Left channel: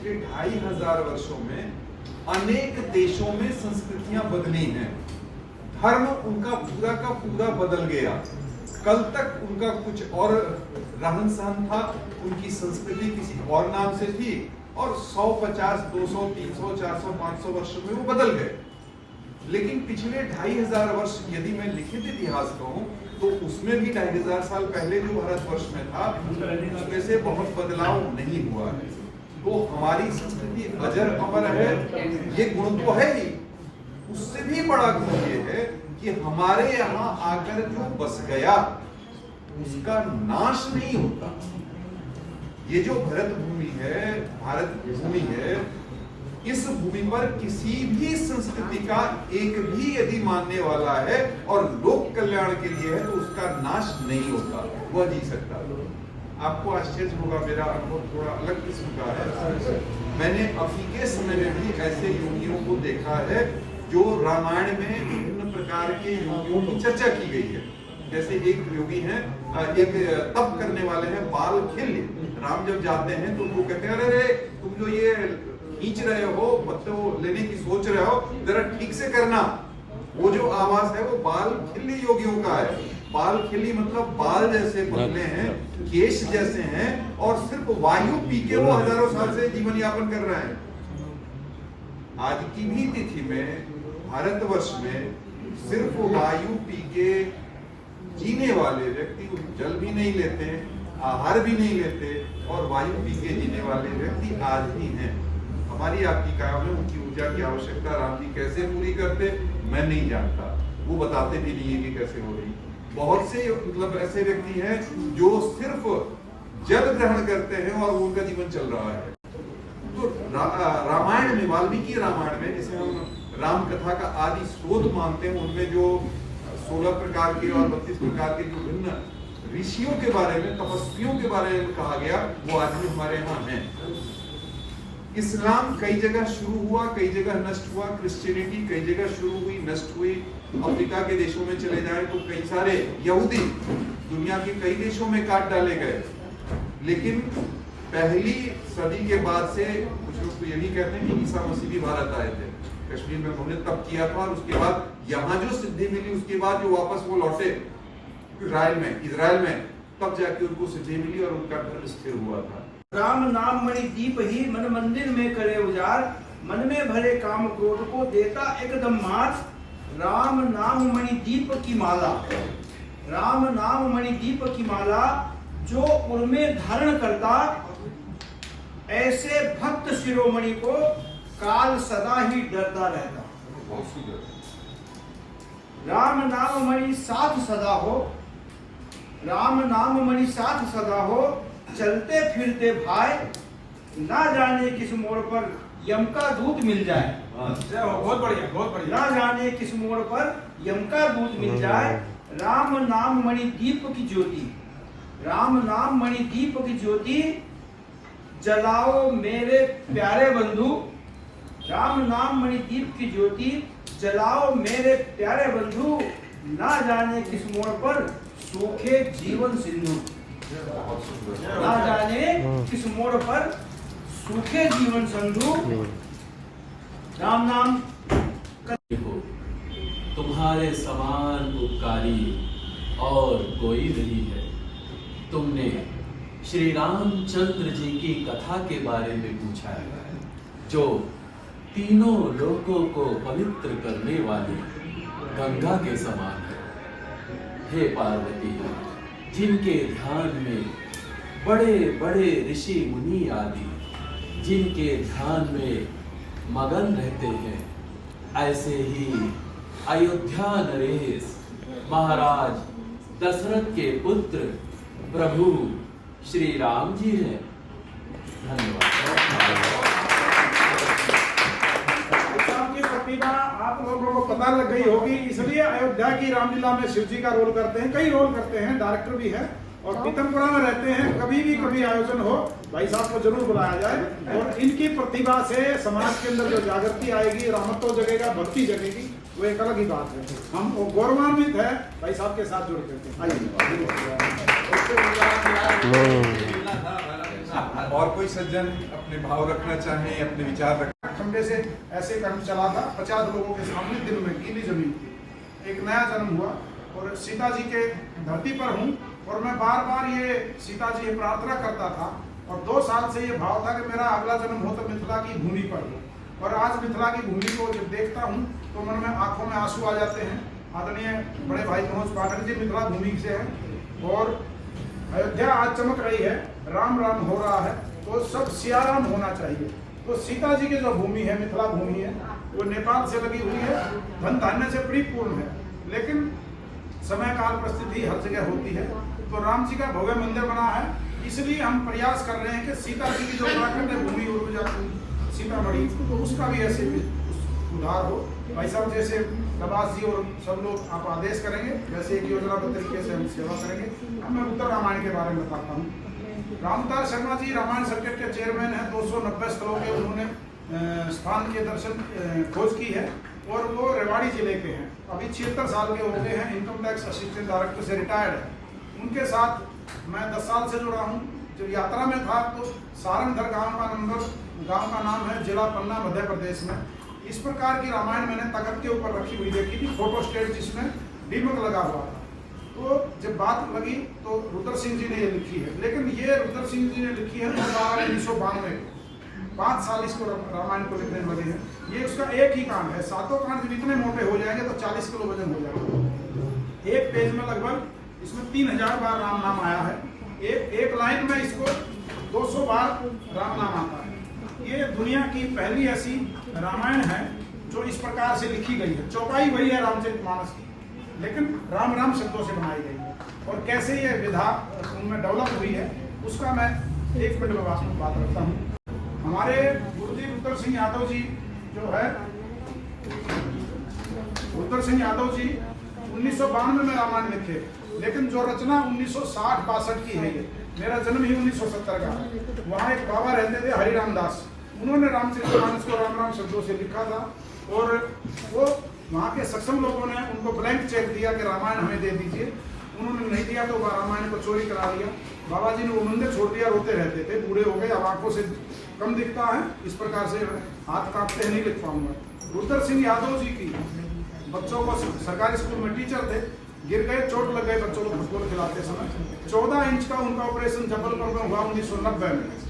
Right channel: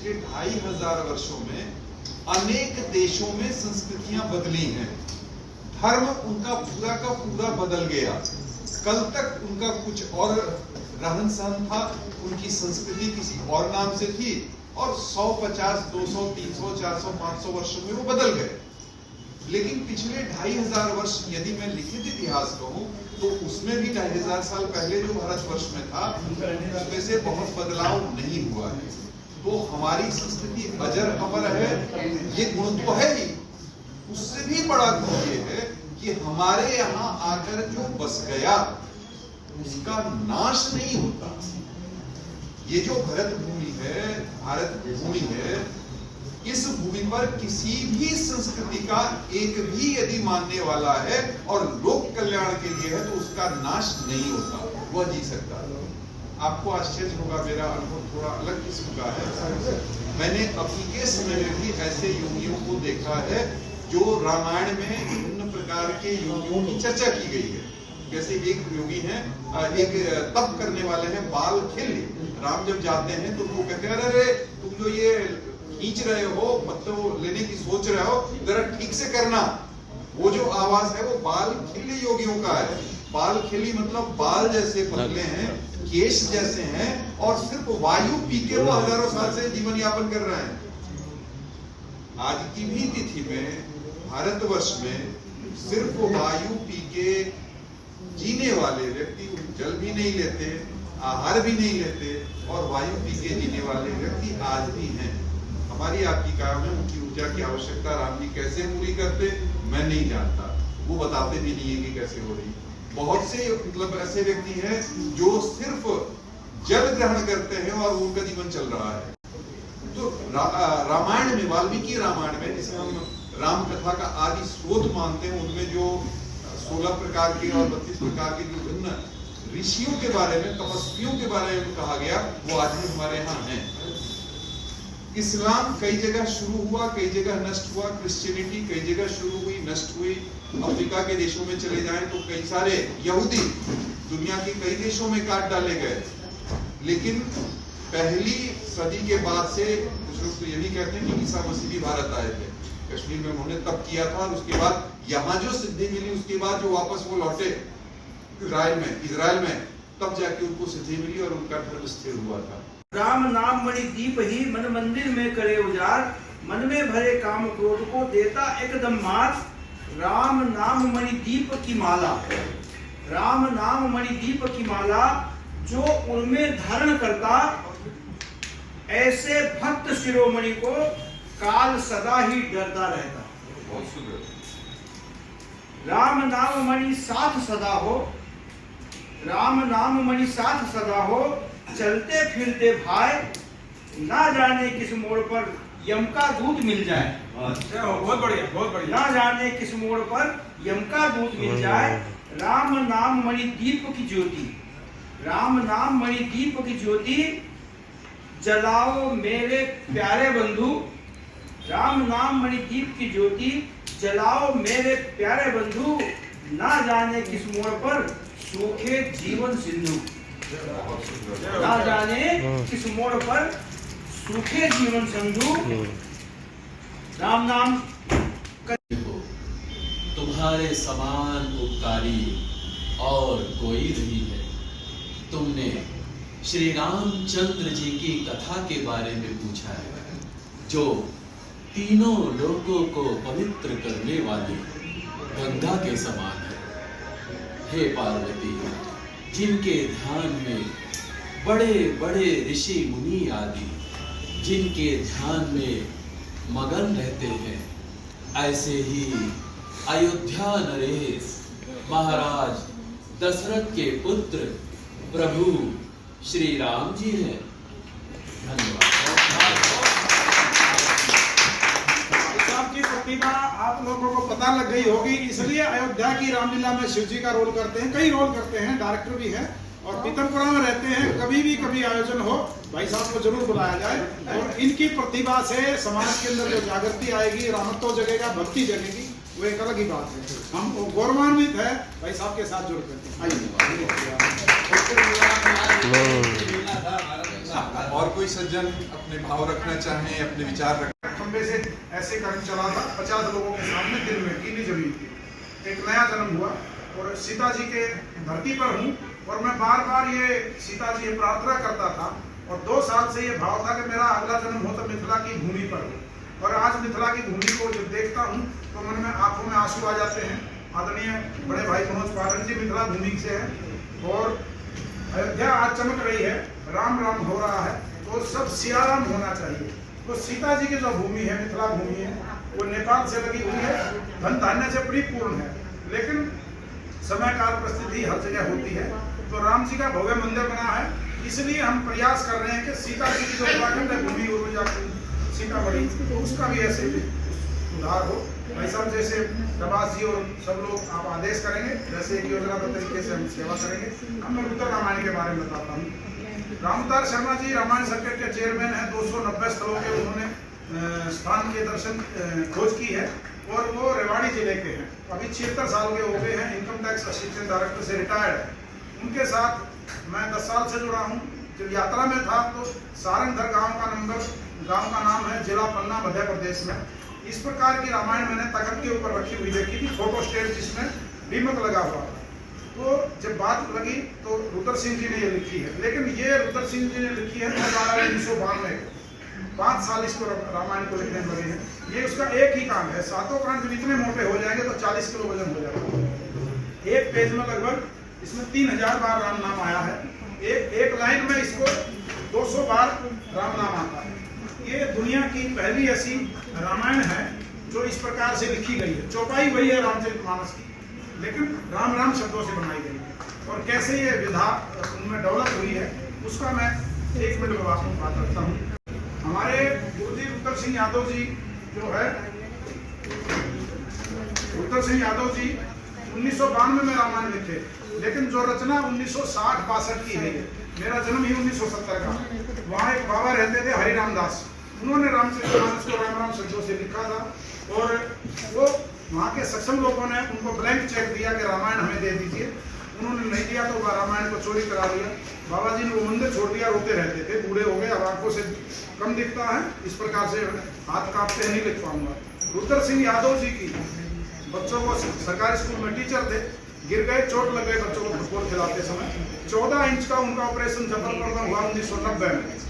पिछले 2500 वर्षों में अनेक देशों में संस्कृतियां बदली हैं। धर्म उनका पूरा का पूरा बदल गया। कल तक उनका कुछ और रहन सहन था, उनकी संस्कृति किसी और नाम से थी, और 100, 50, 200, 300, 400, 500 वर्षों में वो बदल गए। लेकिन पिछले 2500 वर्ष यदि मैं लिखित इतिहास कहूं तो उसमें भी 2500 साल पहले जो भारतवर्ष में था उसमें से बहुत बदलाव नहीं हुआ है। तो हमारी संस्कृति अजर अमर है, ये गुण तो है ही। उससे भी बड़ा गुण ये है कि हमारे यहाँ आकर जो बस गया उसका नाश नहीं होता। ये जो भारत भूमि है, इस भूमि पर किसी भी संस्कृति का एक भी यदि मानने वाला है और लोक कल्याण के लिए है तो उसका नाश नहीं होता, वह जी सकता। आपको आश्चर्य होगा, मेरा अनुभव थोड़ा अलग किस्म का है। मैंने अभी के समय में भी ऐसे योगियों को देखा है जो रामायण में विभिन्न प्रकार के योगियों की चर्चा की गई है। जैसे एक योगी हैं, एक तप करने वाले हैं बाल खिल्य। राम जब जाते हैं तो वो कहते हैं, अरे तुम जो ये खींच रहे हो, मतलब लेने की सोच रहे हो, जरा ठीक से करना। वो जो आवाज है वो बाल खिल्य योगियों का है। बाल खिल्य मतलब बाल जैसे पतले हैं, केश जैसे हैं, और सिर्फ वायु पी के वो हजारों साल से जीवन यापन कर रहे हैं। आज की भी तिथि में भारतवर्ष में सिर्फ वायु पी के जीने वाले व्यक्ति, जल भी नहीं लेते, आहार भी नहीं लेते, और वायु पी के जीने वाले व्यक्ति आज भी हैं। हमारी आपकी काया में उनकी ऊर्जा की आवश्यकता राम जी कैसे पूरी करते मैं नहीं जानता, वो बताते भी नहीं है कि कैसे हो रही। बहुत से मतलब ऐसे व्यक्ति हैं जो सिर्फ जल ग्रहण करते हैं और उनका जीवन चल रहा है। तो रामायण में, वाल्मीकि रामायण में, जिसे हम राम कथा का आदि स्रोत मानते हैं, उनमें जो 16 प्रकार के और 32 प्रकार के जो भिन्न ऋषियों के बारे में, तपस्वियों के बारे में कहा गया, वो आज भी हमारे यहाँ है। इस्लाम कई जगह शुरू हुआ, कई जगह नष्ट हुआ। क्रिश्चियनिटी कई जगह शुरू हुई, नष्ट हुई। अफ्रीका के देशों में चले जाएं तो कई सारे यहूदी दुनिया के कई देशों में काट डाले गए। लेकिन पहली सदी के बाद से कुछ लोग तो ये भी कहते हैं कि ईसा मसीह भी भारत आए थे, कश्मीर में उन्होंने तप किया था, और उसके बाद यहाँ जो सिद्धि मिली, उसके बाद जो वापस वो लौटे इजराइल में, तब जाके उनको सिद्धि मिली और उनका धर्म स्थिर हुआ था। राम नाम मणि दीप ही मन मंदिर में करे उजाड़, मन में भरे काम क्रोध को देता एकदम मार। राम नाम मणि दीप की माला, राम नाम मणि दीप की माला, जो उनमें धारण करता, ऐसे भक्त शिरोमणि को काल सदा ही डरता रहता। राम नाम मणि साथ सदा हो, राम नाम मणि साथ सदा हो, चलते फिरते भाई, ना जाने किस मोड़ पर यम का दूत मिल जाए। बहुत बढ़िया, बहुत बढ़िया। ना जाने किस मोड़ पर यम का दूत मिल जाए। राम नाम मणि दीप की ज्योति, राम नाम मणि दीप की ज्योति, जलाओ मेरे प्यारे बंधु। राम नाम मणि दीप की ज्योति, जलाओ मेरे प्यारे बंधु, ना जाने किस मोड़ पर सूखे जीवन सिंधु। ना जाने किस मोड़ पर सूखे जीवन सिंधु। राम नाम तुम्हारे समान उपकारी और कोई नहीं है। तुमने श्री रामचंद्र जी की कथा के बारे में पूछा है, जो तीनों लोकों को पवित्र करने वाली गंगा के समान है। हे पार्वती, जिनके ध्यान में बड़े बड़े ऋषि मुनि आदि जिनके ध्यान में मगन रहते हैं, ऐसे ही अयोध्या नरेश महाराज दशरथ के पुत्र प्रभु श्री राम जी हैं। धन्यवाद। आपकी प्रतिभा आप लोगों को पता लग गई होगी, इसलिए अयोध्या की रामलीला में शिव जी का रोल करते हैं, कई रोल करते हैं, डायरेक्टर भी है, और पीतमपुरा में रहते हैं। कभी आयोजन हो, भाई साहब को जरूर बुलाया जाए। और इनकी प्रतिभा से समाज के अंदर जो जागृति आएगी, रामत्व जगेगा, भक्ति जगेगी, वो एक अलग ही बात है। हम गौरवान्वित है भाई साहब के साथ जुड़ करते हैं। आइए और कोई सज्जन अपने भाव रखना चाहें, अपने विचार रखना। खंबे से ऐसे करके चला था 50 लोगों के सामने दिन में गीली जमीन थी। एक नया जन्म हुआ और सीता जी के धरती पर हूँ और मैं बार बार ये सीता जी ये प्रार्थना करता था और 2 साल से ये भाव था कि मेरा अगला जन्म हो तो मिथिला की भूमि पर हो। और आज मिथिला की भूमि को जब देखता हूँ तो मन में आंखों में आंसू आ जाते हैं। आदरणीय बड़े भाई मनोज पाठक जी मिथिला भूमि से हैं और अयोध्या आज चमक रही है, राम राम हो रहा है, तो सब सियाराम होना चाहिए। तो सीता जी की जो भूमि है, मिथिला भूमि है, वो नेपाल से लगी हुई है, धन धान्य से परिपूर्ण है, लेकिन समय काल परिस्थिति हर जगह होती है। तो राम जी का भव्य मंदिर बना है, इसलिए हम प्रयास कर रहे हैं कि सीता जी की जो उत्तराखंड है भूमि और सीतामढ़ी, तो उसका भी ऐसे सुधार हो। भाई साहब जैसे प्रभास जी और सब लोग आप आदेश करेंगे, वैसे एक योजनाबद्ध तरीके से हम सेवा करेंगे। अब मैं उत्तर रामायण के बारे में बताता हूँ। रामअवतार शर्मा जी रामायण सर्किट के चेयरमैन हैं। 290 स्थलों के उन्होंने स्थान के दर्शन खोज की है और वो रेवाड़ी जिले के हैं। अभी 76 साल के हो गए हैं, इनकम टैक्स असिस्टेंट डायरेक्टर से रिटायर्ड है। उनके साथ मैं 10 साल से जुड़ा हूँ। जब यात्रा में था तो सारंगधर गांव का नाम है, जिला पन्ना, मध्य प्रदेश में। इस प्रकार की रामायण मैंने तख्त के ऊपर रखी हुई देखी थी, फोटो स्टेट जिसमें दीमक लगा हुआ था। तो जब बात लगी तो रुद्र सिंह जी ने ये लिखी है, लेकिन ये रुद्र सिंह जी ने लिखी है 1992 में। 5 साल इसको रामायण को लिखने में लगे हैं। ये उसका एक ही कांड है। 7 कांड जब इतने मोटे हो जाएंगे तो 40 किलो वजन हो जाएगा। एक पेज में लगभग इसमें 3000 बार राम नाम आया है। एक लाइन में इसको 200 बार राम नाम आता है। ये दुनिया की पहली ऐसी रामायण है जो इस प्रकार से लिखी गई है। चौपाई वही है रामचरितमानस की, लेकिन राम राम शब्दों से बनाई गई है। और कैसे ये विधा उनमें डेवलप हुई है उसका मैं 1 मिनट में बात रखता हूँ। हमारे गुरुजी रुद्र सिंह यादव जी जो है, रुद्र सिंह यादव जी 1992 में रामायण लिखे, लेकिन जो रचना 1960-62 की है, मेरा जन्म ही 1970 का। वहाँ एक बाबा रहते थे हरिराम दास, उन्होंने रामचरितमानस को राम राम शब्दों से लिखा था और वो वहाँ के सक्षम लोगों ने उनको ब्लैंक चेक दिया कि रामायण हमें दे दीजिए। उन्होंने नहीं दिया तो रामायण को चोरी करा लिया। बाबा जी ने वो मंदिर छोड़ दिया, रोते रहते थे, बूढ़े हो गए, अब आंखों से कम दिखता है, इस प्रकार से हाथ कांपते नहीं लिख पाऊंगा। रुद्र सिंह यादव जी की बच्चों को सरकारी स्कूल में टीचर थे, गिर गए, चोट लग गए बच्चों को फुटबॉल खिलाते समय। 14 इंच का उनका ऑपरेशन जबलपुर में हुआ 1990 में।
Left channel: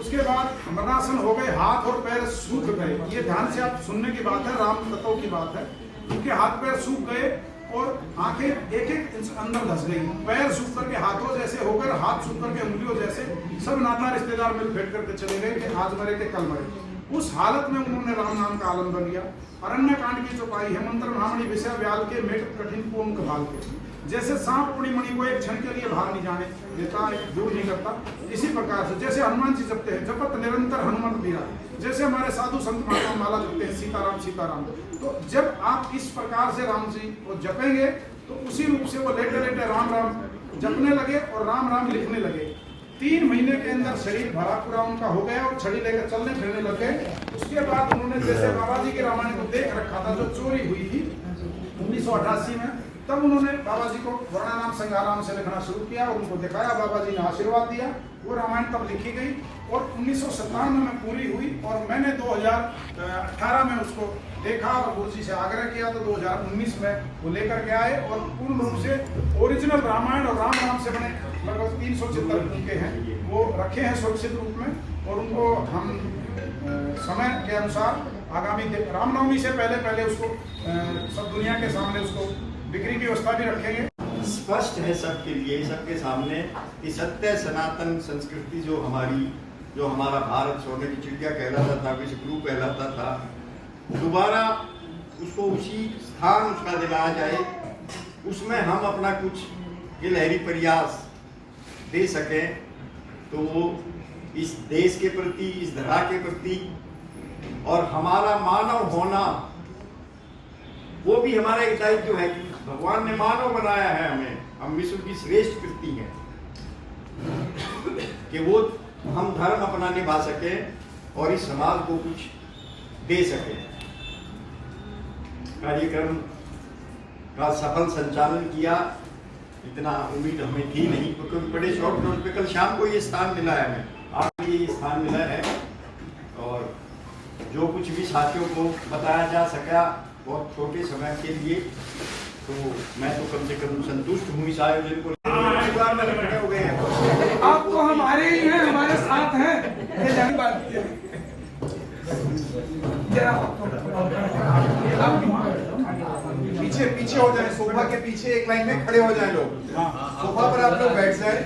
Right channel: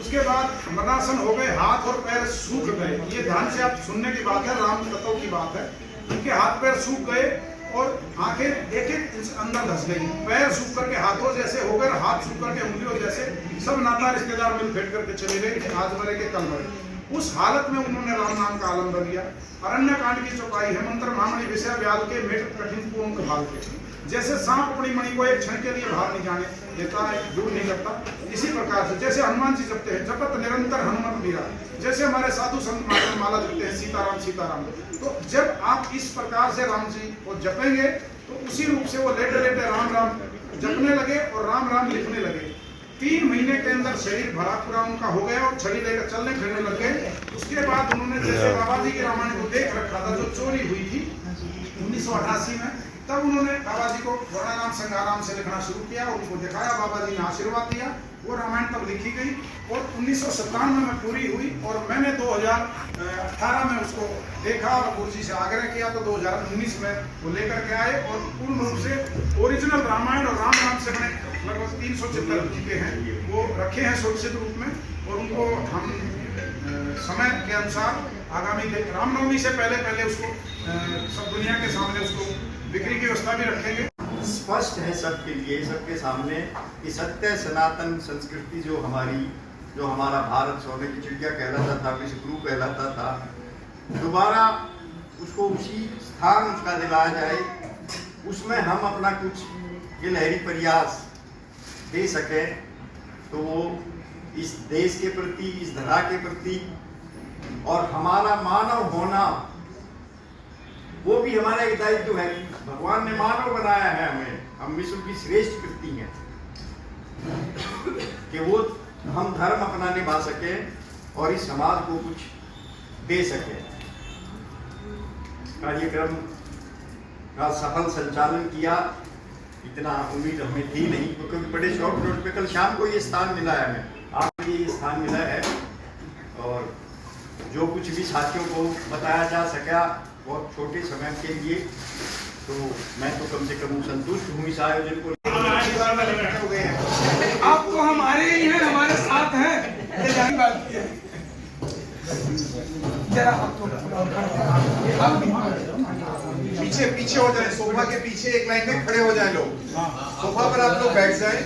उसके बाद मरणासन हो गए, हाथ और पैर सूख गए। ये ध्यान से आप सुनने की बात है, राम तत्व की बात है। उनके हाथ पैर सूख गए और आंखें एक इंच अंदर धस गई, पैर सूख करके हाथों जैसे होकर, हाथ सूख करके उंगलियों जैसे, सब नाता रिश्तेदार मिल फेंट करके चले गए कि आज मरे के कल मरे। उस हालत में उन्होंने राम नाम का आलम्बन लिया। अरण्य कांड की चौपाई है, मंत्र महामणि विषय व्याल के मेट कठिन पूर्ण भाल के। जैसे सांप अपनी मणि को एक क्षण के लिए बाहर नहीं जाने देता है, दूर नहीं करता, इसी प्रकार से जैसे हनुमान जी जपते हैं, जपत निरंतर हनुमत मीरा, जैसे हमारे साधु संत माला जपते हैं सीताराम सीताराम। तो जब आप इस प्रकार से राम जी को जपेंगे तो उसी रूप से वो लेटे लेटे राम राम जपने लगे और राम राम लिखने लगे। 3 महीने के अंदर शरीर भरा पूरा उनका हो गया और छड़ी लेकर चलने फिरने लग गए। उसके बाद उन्होंने जैसे बाबा जी के रामायण को देख रखा था जो चोरी हुई थी 1988 में, तब उन्होंने बाबा जी को वर्णानाम संगाराम से लिखना शुरू किया और उनको दिखाया, बाबा जी ने आशीर्वाद दिया। वो रामायण तब लिखी गई और 1997 में पूरी हुई और मैंने 2018 में उसको देखा और गुरु जी से आग्रह किया तो 2019 में वो लेकर के आए और पूर्ण रूप से ओरिजिनल रामायण और राम नाम से बने लगभग 300 चित्र लिखे हैं, वो रखे हैं सुरक्षित रूप में। और उनको हम समय के अनुसार आगामी रामनवमी से पहले उसको सब दुनिया के सामने उसको बिक्री की व्यवस्था भी रखेंगे। स्पष्ट है सबके लिए, सबके सामने कि सत्य सनातन संस्कृति जो हमारा भारत सोने की चिड़िया कहलाता था, विश्वगुरु कहलाता था, दोबारा उसको उसी स्थान उसका दिलाया जाए, उसमें हम अपना कुछ गिलहरी प्रयास दे सके तो वो इस देश के प्रति, इस धरा के प्रति और हमारा मानव होना वो भी हमारा एक दायित्व है कि भगवान ने मानव बनाया है हमें, हम विश्व की श्रेष्ठ कृति हैं कि वो हम धर्म अपना निभा सके और इस समाज को कुछ दे सके। कार्यक्रम का सफल संचालन किया, इतना उम्मीद हमें थी नहीं क्योंकि बड़े शॉर्ट नोट पे कल शाम को ये स्थान मिला है हमें। ये स्थान मिला है और जो कुछ भी साथियों को बताया जा सका बहुत छोटे समय के लिए, तो मैं तो कम से कम संतुष्ट हूँ इस आयोजन को। आप तो हमारे ही हैं, हमारे साथ हैं, ये जानी बात है। जरा पीछे पीछे हो जाए, सोफा के पीछे एक लाइन में खड़े हो जाए लोग, सोफा पर आप लोग बैठ जाए।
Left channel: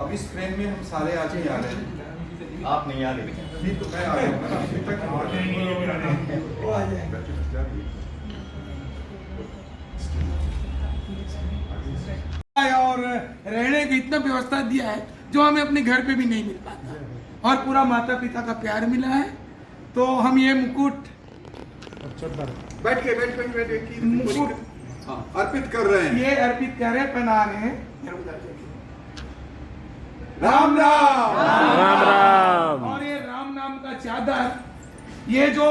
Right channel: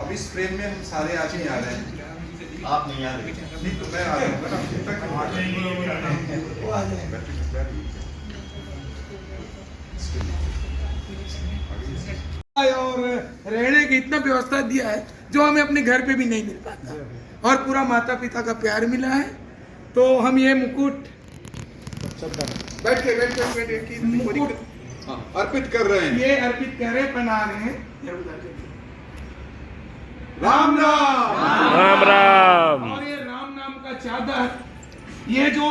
अब इस फ्रेम में हम सारे आदमी आ रहे हैं। आप नहीं आ रहे? नहीं तो मैं आ रहा हूँ ना, अभी तक वो आ जाएगा। और रहने की इतना व्यवस्था दिया है जो हमें अपने घर पे भी नहीं मिल पाता, और पूरा माता पिता का प्यार मिला है। तो हम ये मुकुट बैठ के मुकुट अर्पित कर रहे हैं। ये अर्पित कर रहे, पहना रहे हैं। राम राम राम राम। और ये राम नाम का चादर, ये जो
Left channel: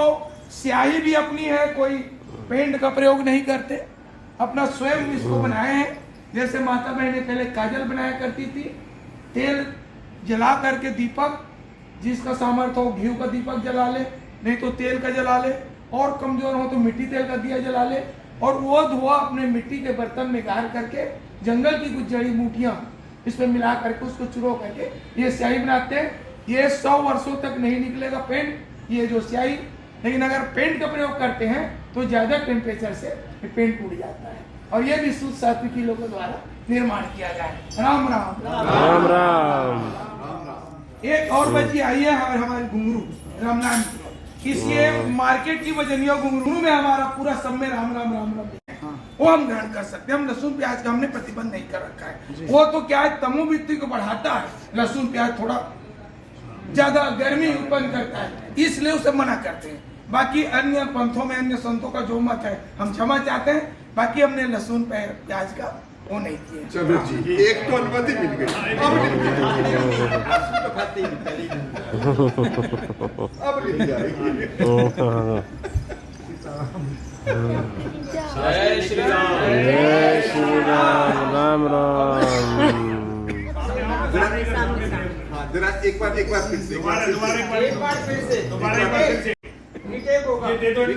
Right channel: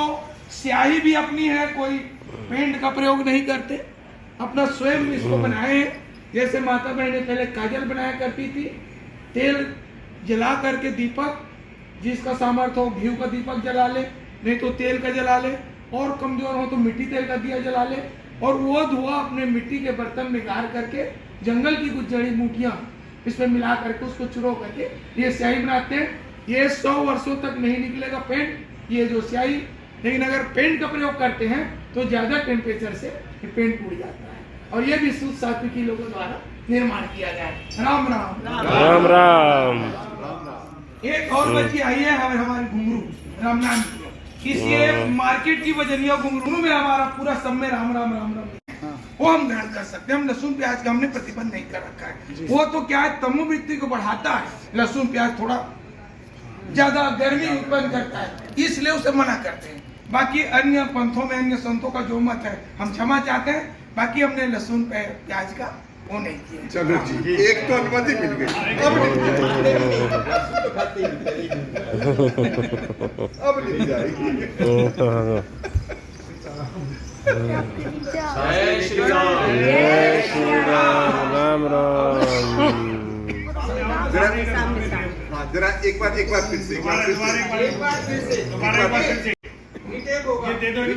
स्याही भी अपनी है, कोई पेंट का प्रयोग नहीं करते, अपना स्वयं इसको बनाए हैं। जैसे माता बहनें पहले काजल बनाया करती थी, तेल जला करके दीपक, जिसका सामर्थ्य हो घी का दीपक जला ले, नहीं तो तेल का जला ले, और कमजोर हो तो मिट्टी तेल का दिया जला ले, और वो धुआं अपने मिट्टी के बर्तन में गाड़ करके जंगल की कुछ जड़ी बूटियां इसमें मिला करके उसको चुरो करके ये स्याही बनाते हैं। ये 100 वर्षों तक नहीं निकलेगा पेंट, ये जो स्याही, लेकिन अगर पेंट का प्रयोग करते हैं तो ज्यादा टेम्परेचर से ये पेंट टूट जाता है। और ये भी शुद्ध सात्विकी लोगों द्वारा निर्माण किया गया है। राम राम राम राम। एक और बच्ची आई है हमारी घुंगरू राम नाम की, इसलिए मार्केट की वजनिया घुंगरू में हमारा पूरा सब में राम राम राम राम वो हम ग्रहण कर सकते हैं। हम लहसुन प्याज का हमने प्रतिबंध नहीं कर रखा है। वो तो क्या है, तमोवृत्ति को बढ़ाता है, लहसुन प्याज थोड़ा ज्यादा गर्मी उत्पन्न करता है, इसलिए उसे मना करते हैं। बाकी अन्य पंथों में, अन्य संतों का जो मत है हम क्षमा चाहते हैं, बाकी हमने लहसुन प्याज का वो नहीं किया। चलो जी, एक तो अनुमति मिल गई, अब नहीं जाएगी। जय श्री राम। राम राम। जरा एक बार फिर से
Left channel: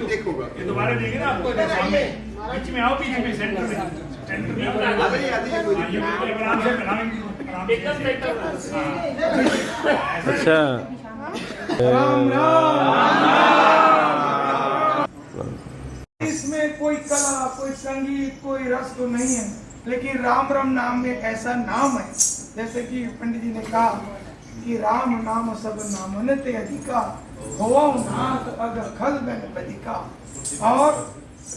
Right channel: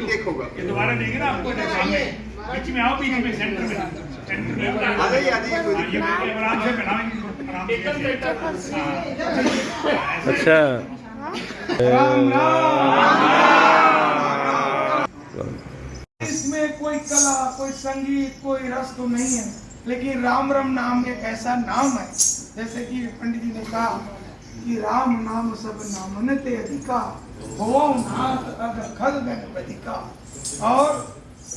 टेक होगा। दोबारा देंगे ना आपको, बीच में आओ, बीच में सेंटर में आ जाइए कोई दिक्कत नहीं। आराम से बनाएंगे। अच्छा। इसमें कोई कला, कोई संगीत, कोई रस तो नहीं है, लेकिन राम राम नाम एक ऐसा नाम है, जैसे कि पंडित जी ने कहा कि राम नाम सब नामन ते अधिका, हो नाथ अग खल गणपति का। और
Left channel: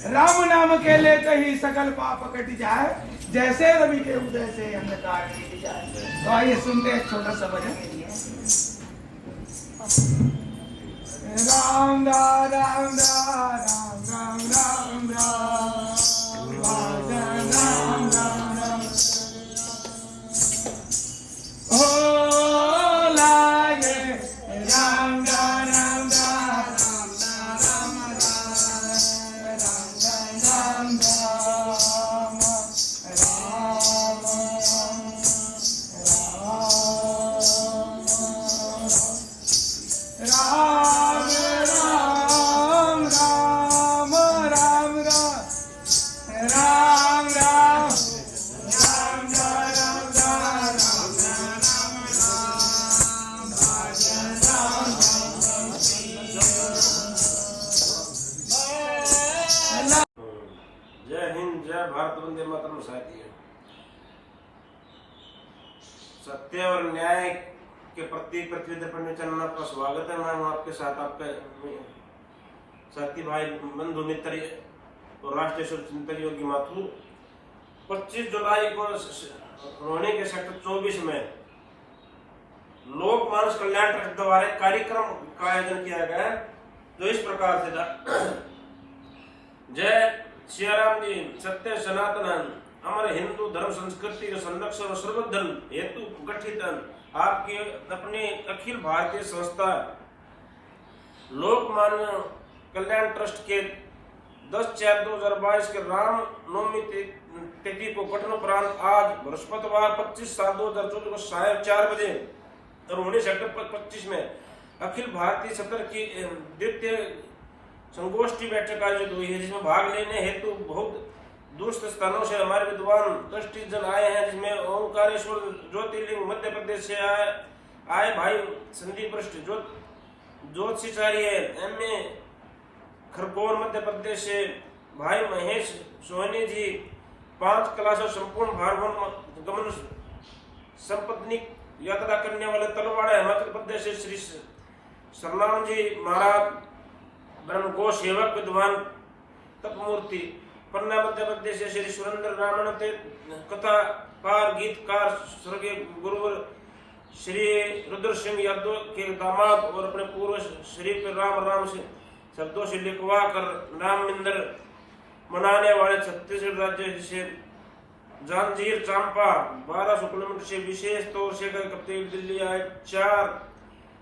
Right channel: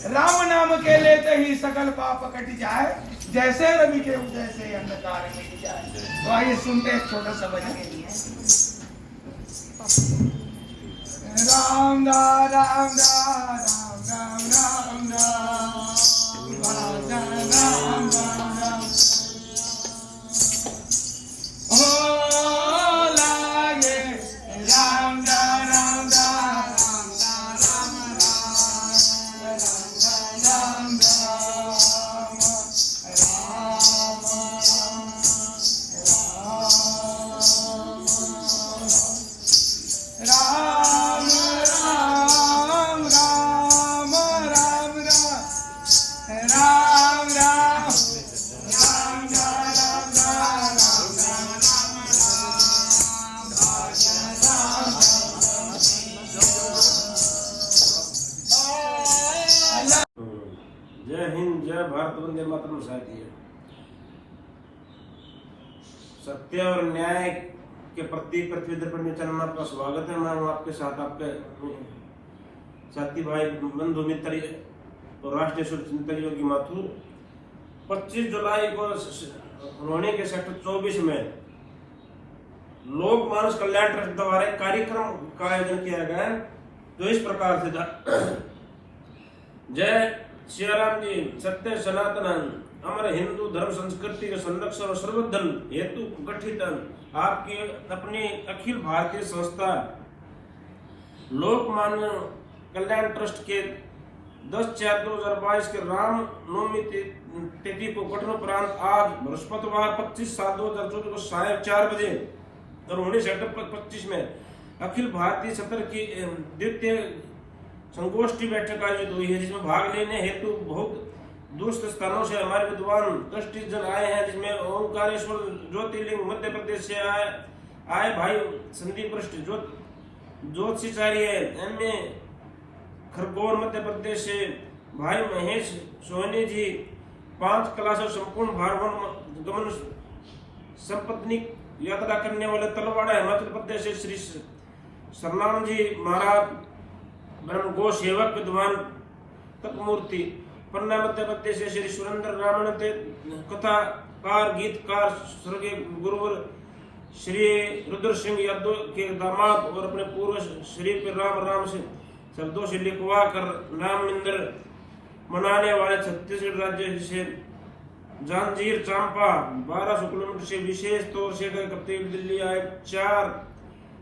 राम नाम के लेते ही सकल पाप कट जाए, जैसे रवि के उदय से अंधकार मिट जाए। तो आइए सुनते हैं छोटा सा भजन के लिए। राम दा राम दा राम राम राम राम भजन राम राम राम हो लागे राम दा राम दा राम राम राम जय हिंद, जय भारत, वंदे मातरम। साथियों, सत्य और न्याय के प्रति पृथ्वी दर्पण चैनल में आपका स्वागत है। मैं हूँ आपके साथ, आपके साथी भाई, बंधु मित्र और राष्ट्रीय चिंतक योगी माथुर। 25 जुलाई को रोहनी के सेक्टर 24 में लोक मानस कल्याण ट्रस्ट द्वारा एक कार्यक्रम का आयोजन किया गया है, जो इस प्रकार से था। जय श्री राम जी, सत्य सनातन अमर हिंदू धर्म संस्कृति के संरक्षण और सर्वधन हेतु गठित आपकी अपनी अखिल भारतीय संस्था लोकमान्य कल्याण ट्रस्ट के 10/4/2022 के राम नवमी तिथि को गठन उपरांत आज बृहस्पतिवार 25/7/2024 को साय 4 बजे और 19/25 में अखिल भारतीय सत्र की द्वितीय संगोष्ठी बैठक आयोजित हुई है, जिसमें भाग लेने हेतु बहुत दूसरे स्थानों से हमारे विद्वान ट्रस्टीजन आए हैं, जिसमें ओंकारेश्वर ज्योतिर्लिंग मध्य प्रदेश से आए भाई संदीप वरिष्ठ ज्योतिषाचार्य MA खरगोन मध्य प्रदेश से भाई महेश सोहनी जी, 5 क्लास संपूर्ण भारवन गमन संपत्ति यात्रा करने वाले तलवाड़ा हिमाचल प्रदेश से श्री सरनाम जी महाराज ब्रह्म गो सेवक विद्वान तपमूर्ति, पन्ना मध्य प्रदेश से श्री सुरेंद्र रामन कथाकार गीतकार स्वर्गीय गुरुवर श्री रुद्र सिंह यादव के दामाद और अपने पूर्व श्री राम से शब्दों से लिखवा कर राम मंदिर मनाने वाले छत्तीसगढ़ राज्य से जांजीर चांपा 1200 किलोमीटर से विशेष तौर से कप्तान दिल्ली आए 4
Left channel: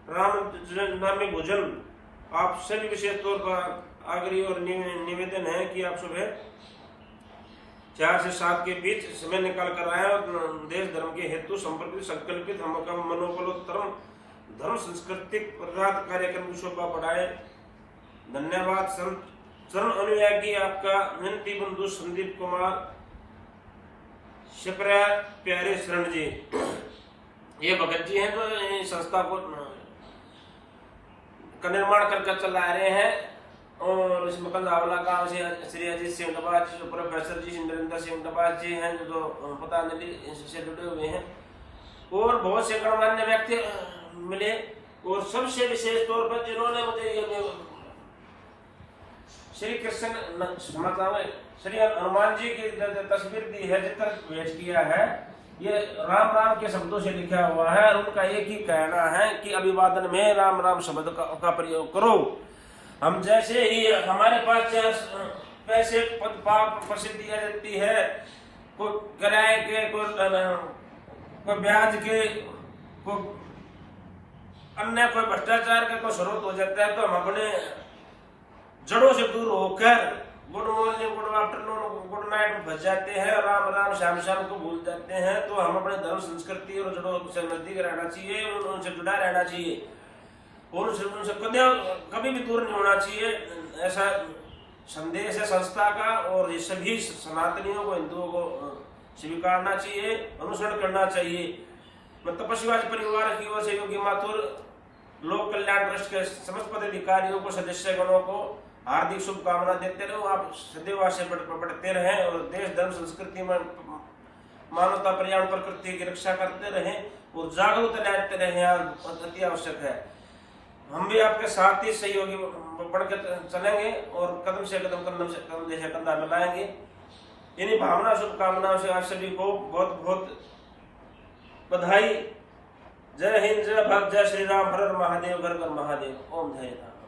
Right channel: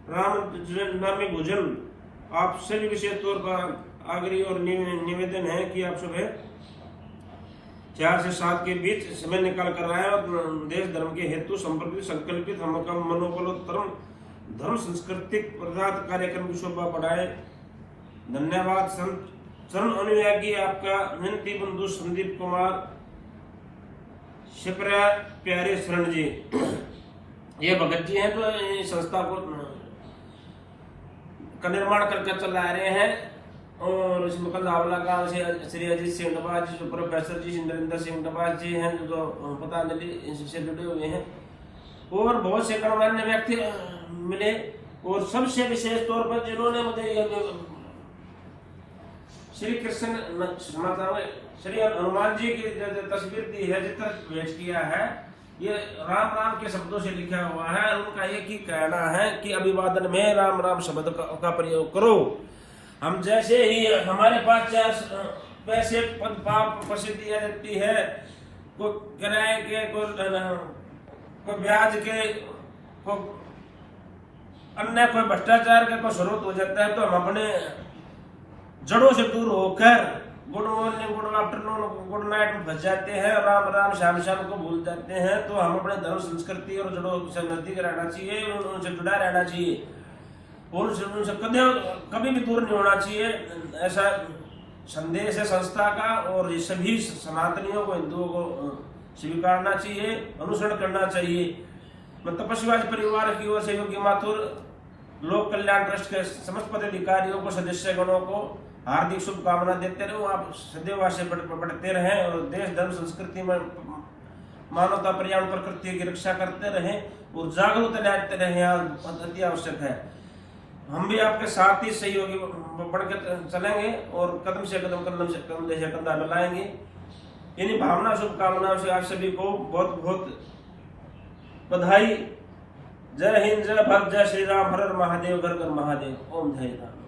राम नामी भोजन आप सभी विशेष तौर पर आग्रही और निवेदन है कि आप सुबह 4 से 7 के बीच समय निकाल कर आए और देश धर्म के हेतु संपर्कित संकल्पित हम मनोबल धर्म सांस्कृतिक पदार्थ कार्यक्रम की शोभा बढ़ाए। धन्यवाद। चरण अनुयायी आपका विनती बंधु संदीप कुमार शिप्रा प्यारे शरण जी। ये भगत जी हैं जो संस्था को का निर्माण करके चला रहे हैं और इसमें कल्लावला गांव से श्री अजीत सिंह डबाज जी, प्रोफेसर जी नरेंद्र सिंह डबाज जी हैं जो पतंजलि से जुड़े हुए हैं और बहुत से गणमान्य व्यक्ति मिले और सबसे विशेष तौर पर जिन्होंने मुझे ये श्री कृष्ण श्री हनुमान जी की तस्वीर दी है, चित्र पेश किया है, ये राम राम के शब्दों से लिखा हुआ है और उनका एक ही कहना है कि अभिवादन में राम राम शब्द का प्रयोग करो। हम जैसे ही हमारे पास पैसे प्रसिद्धि आ जाती है, कोई किराए के, कोई ब्याज के, कोई अन्य कोई भ्रष्टाचार का कोई स्रोत हो जाता है, तो हम अपने जड़ों से दूर होकर good morning, good afternoon, good night में फंस जाते हैं, राम राम शाम शाम को भूल जाते हैं। तो हम अपने धर्म संस्कृति और जड़ों से नजदीक रहना चाहिए, उनसे जुड़ा रहना चाहिए, उनसे कभी भी दूर नहीं होना चाहिए। ऐसा संदेश है संस्था का और ये सभी सनातनियों को, हिंदुओं को स्वीकारना चाहिए, अनुसरण करना चाहिए। मैं तपस्वी परिवार की ओर से योगी माथुर लोक कल्याण ट्रस्ट के समस्त पदाधिकारियों को, सदस्यगणों को हार्दिक शुभकामना देते रहो। आप सदैव आगे बढ़ते रहें और देश धर्म संस्कृति में मानवता पर्यावरण प्रकृति की रक्षा करते रहें और जागरूक रहते रहें, अति आवश्यक है। हम भी आपके साथ ही सहयोगी बढ़कर चलेंगे और कदम से कदम कंधा मिलाएंगे। इन्हीं भावना शुभकामनाओं से आप सभी को बहुत बहुत बधाई। जय हिंद, जय भारत, जय श्री राम, हर हर महादेव, घर घर महादेव। ओम जय राम।